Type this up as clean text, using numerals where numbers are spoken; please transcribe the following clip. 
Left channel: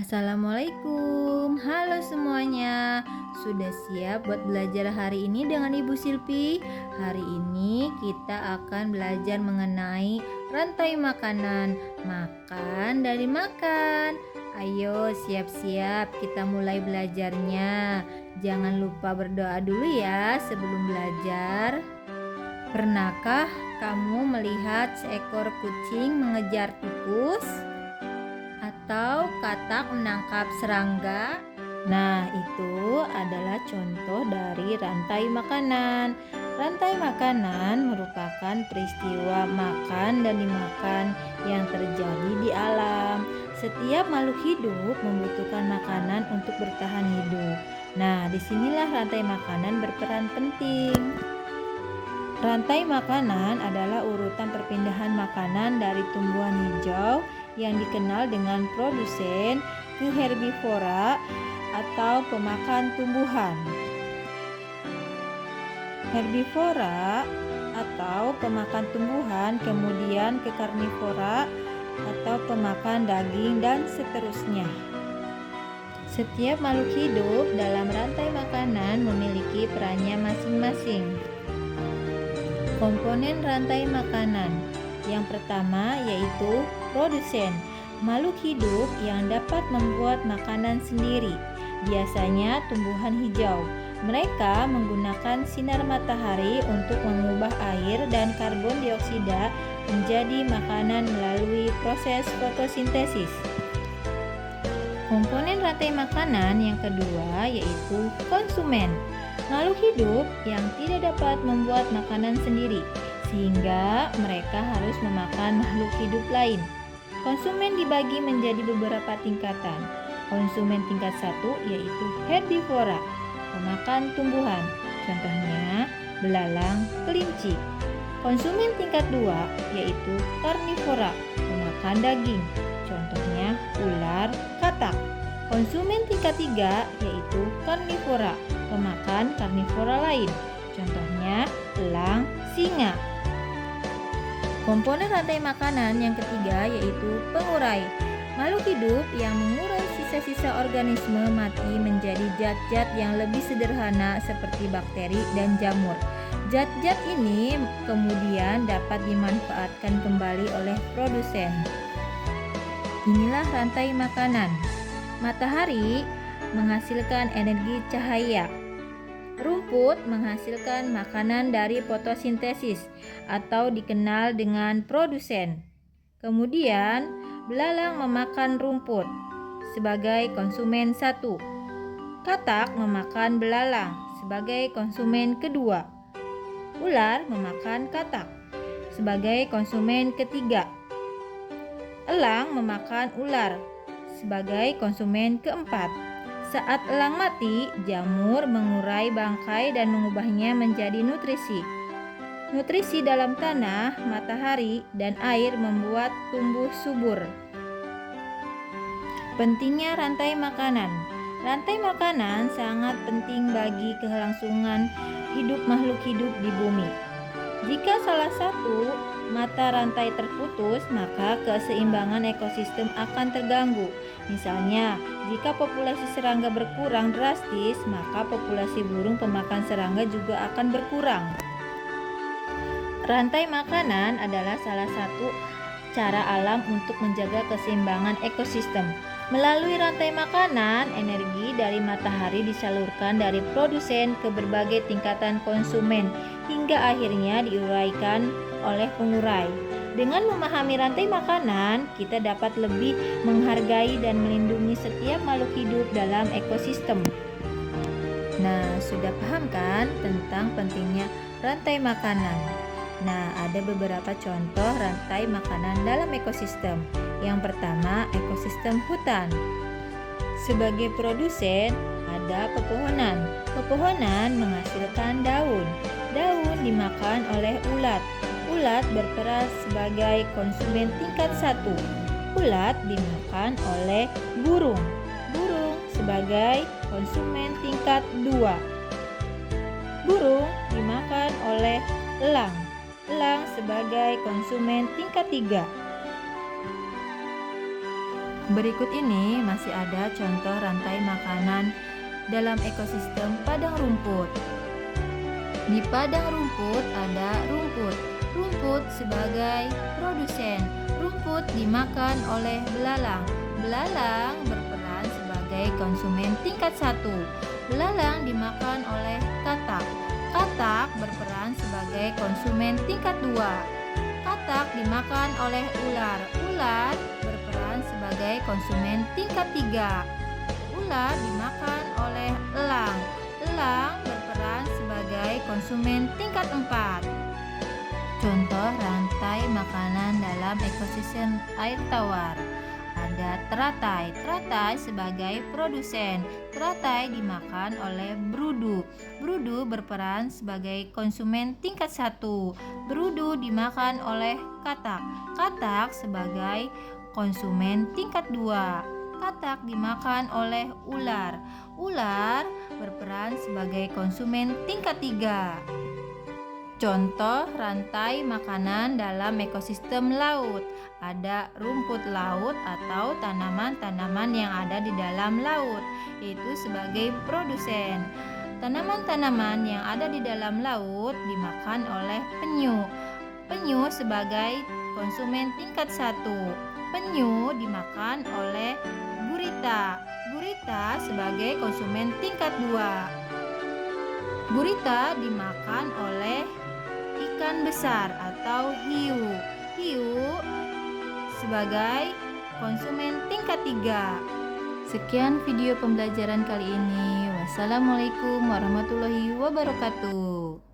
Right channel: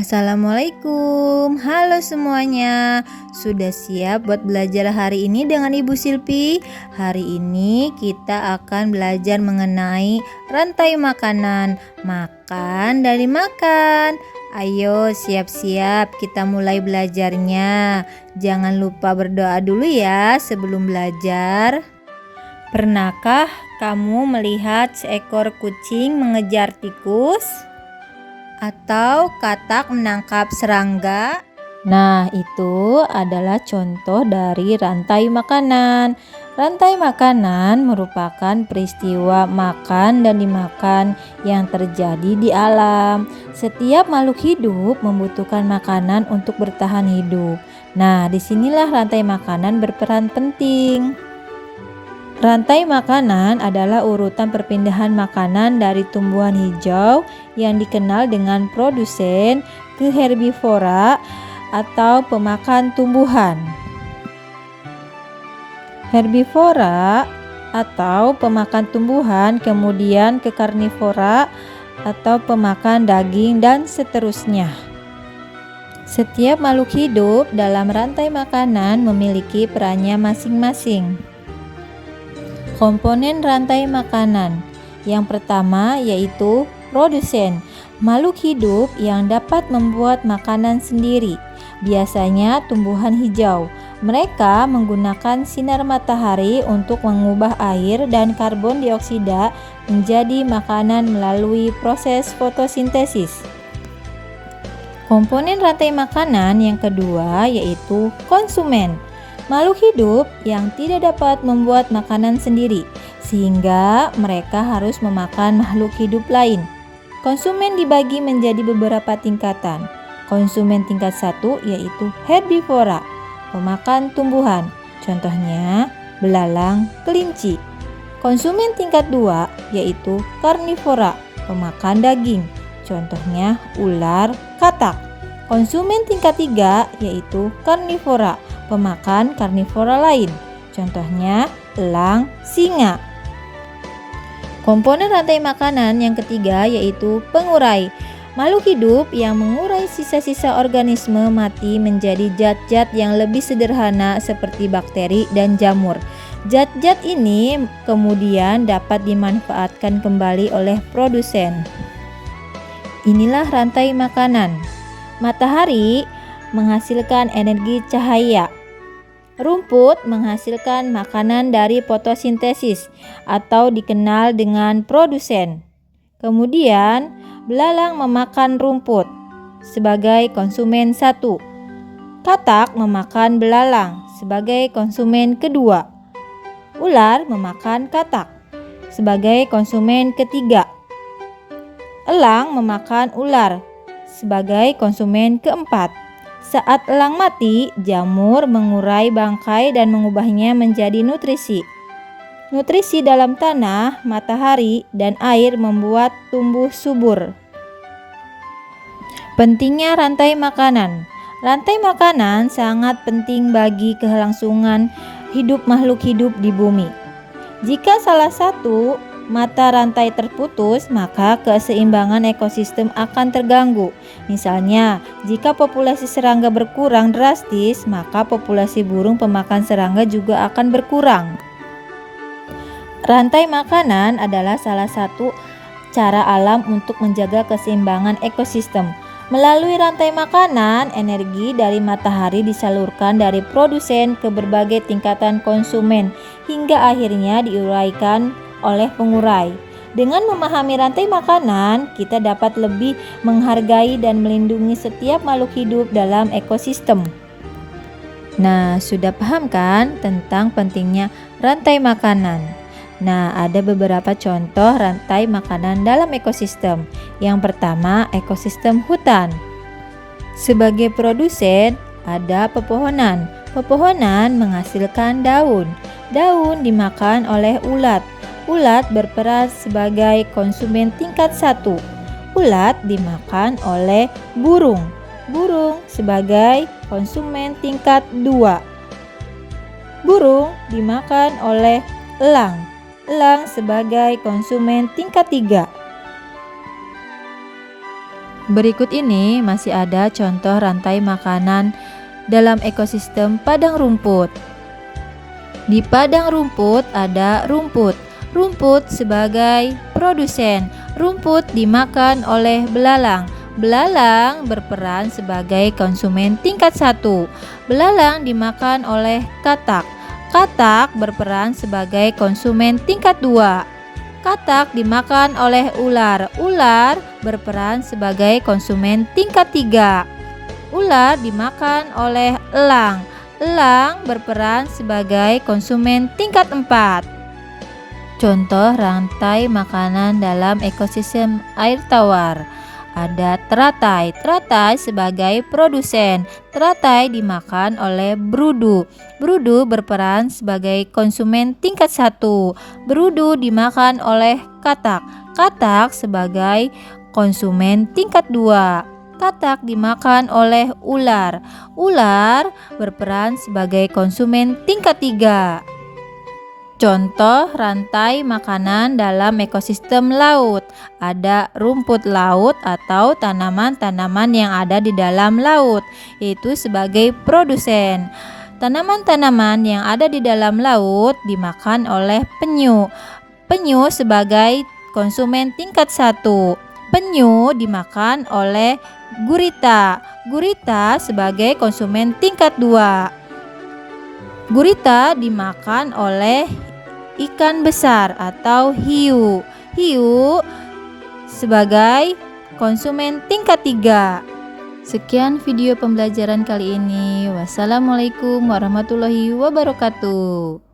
Assalamualaikum, halo semuanya. Sudah siap buat belajar hari ini dengan Ibu Silpi? Hari ini kita akan belajar mengenai rantai makanan. Makan dari makan. Ayo siap-siap kita mulai belajarnya. Jangan lupa berdoa dulu ya sebelum belajar. Pernahkah kamu melihat seekor kucing mengejar tikus? Atau katak menangkap serangga? Nah, itu adalah contoh dari rantai makanan. Rantai makanan merupakan peristiwa makan dan dimakan yang terjadi di alam. Setiap makhluk hidup membutuhkan makanan untuk bertahan hidup. Nah, disinilah rantai makanan berperan penting. Rantai makanan adalah urutan perpindahan makanan dari tumbuhan hijau yang dikenal dengan produsen ke herbivora atau pemakan tumbuhan. Herbivora atau pemakan tumbuhan kemudian ke karnivora atau pemakan daging dan seterusnya. Setiap makhluk hidup dalam rantai makanan memiliki perannya masing-masing. Komponen rantai makanan. Yang pertama yaitu produsen, makhluk hidup yang dapat membuat makanan sendiri. Biasanya tumbuhan hijau. Mereka menggunakan sinar matahari untuk mengubah air dan karbon dioksida menjadi makanan melalui proses fotosintesis. Komponen rantai makanan yang kedua yaitu konsumen. Makhluk hidup yang tidak dapat membuat makanan sendiri, sehingga mereka harus memakan makhluk hidup lain. Konsumen dibagi menjadi beberapa tingkatan. Konsumen tingkat 1 yaitu herbivora, pemakan tumbuhan, contohnya belalang, kelinci. Konsumen tingkat 2 yaitu karnivora, pemakan daging, contohnya ular, katak. Konsumen tingkat 3 yaitu karnivora, pemakan karnivora lain, contohnya elang, singa. Komponen rantai makanan yang ketiga yaitu pengurai. Makhluk hidup yang mengurai sisa-sisa organisme mati menjadi zat-zat yang lebih sederhana seperti bakteri dan jamur. Zat-zat ini kemudian dapat dimanfaatkan kembali oleh produsen. Inilah rantai makanan. Matahari menghasilkan energi cahaya. Rumput menghasilkan makanan dari fotosintesis atau dikenal dengan produsen. Kemudian, belalang memakan rumput sebagai konsumen 1. Katak memakan belalang sebagai konsumen kedua. Ular memakan katak sebagai konsumen ketiga. Elang memakan ular sebagai konsumen keempat. Saat elang mati, jamur mengurai bangkai dan mengubahnya menjadi nutrisi. Nutrisi dalam tanah, matahari, dan air membuat tumbuh subur. Pentingnya rantai makanan. Rantai makanan sangat penting bagi kelangsungan hidup makhluk hidup di bumi. Jika salah satu mata rantai terputus, maka keseimbangan ekosistem akan terganggu. Misalnya, jika populasi serangga berkurang drastis, maka populasi burung pemakan serangga juga akan berkurang. Rantai makanan adalah salah satu cara alam untuk menjaga keseimbangan ekosistem. Melalui rantai makanan, energi dari matahari disalurkan dari produsen ke berbagai tingkatan konsumen hingga akhirnya diuraikan oleh pengurai. Dengan memahami rantai makanan, kita dapat lebih menghargai dan melindungi setiap makhluk hidup dalam ekosistem. Nah, sudah paham kan tentang pentingnya rantai makanan? Nah, ada beberapa contoh rantai makanan dalam ekosistem. Yang pertama, ekosistem hutan. Sebagai produsen, ada pepohonan. Pepohonan menghasilkan daun. Daun dimakan oleh ulat. Ulat berperan sebagai konsumen tingkat 1. Ulat dimakan oleh burung. Burung sebagai konsumen tingkat 2. Burung dimakan oleh elang. Elang sebagai konsumen tingkat 3. Berikut ini masih ada contoh rantai makanan dalam ekosistem padang rumput. Di padang rumput ada rumput. Rumput sebagai produsen. Rumput dimakan oleh belalang. Belalang berperan sebagai konsumen tingkat 1. Belalang dimakan oleh katak. Katak berperan sebagai konsumen tingkat 2. Katak dimakan oleh ular. Ular berperan sebagai konsumen tingkat 3. Ular dimakan oleh elang. Elang berperan sebagai konsumen tingkat 4. Contoh rantai makanan dalam ekosistem air tawar. Ada teratai. Teratai sebagai produsen. Teratai dimakan oleh berudu. Berudu berperan sebagai konsumen tingkat 1. Berudu dimakan oleh katak. Katak sebagai konsumen tingkat 2. Katak dimakan oleh ular. Ular berperan sebagai konsumen tingkat 3. Contoh rantai makanan dalam ekosistem laut. Ada rumput laut atau tanaman-tanaman yang ada di dalam laut, yaitu sebagai produsen. Tanaman-tanaman yang ada di dalam laut dimakan oleh penyu. Penyu sebagai konsumen tingkat 1. Penyu dimakan oleh gurita. Gurita sebagai konsumen tingkat 2. Gurita dimakan oleh ikan besar atau hiu. Hiu sebagai konsumen tingkat 3. Sekian video pembelajaran kali ini. Wassalamualaikum warahmatullahi wabarakatuh.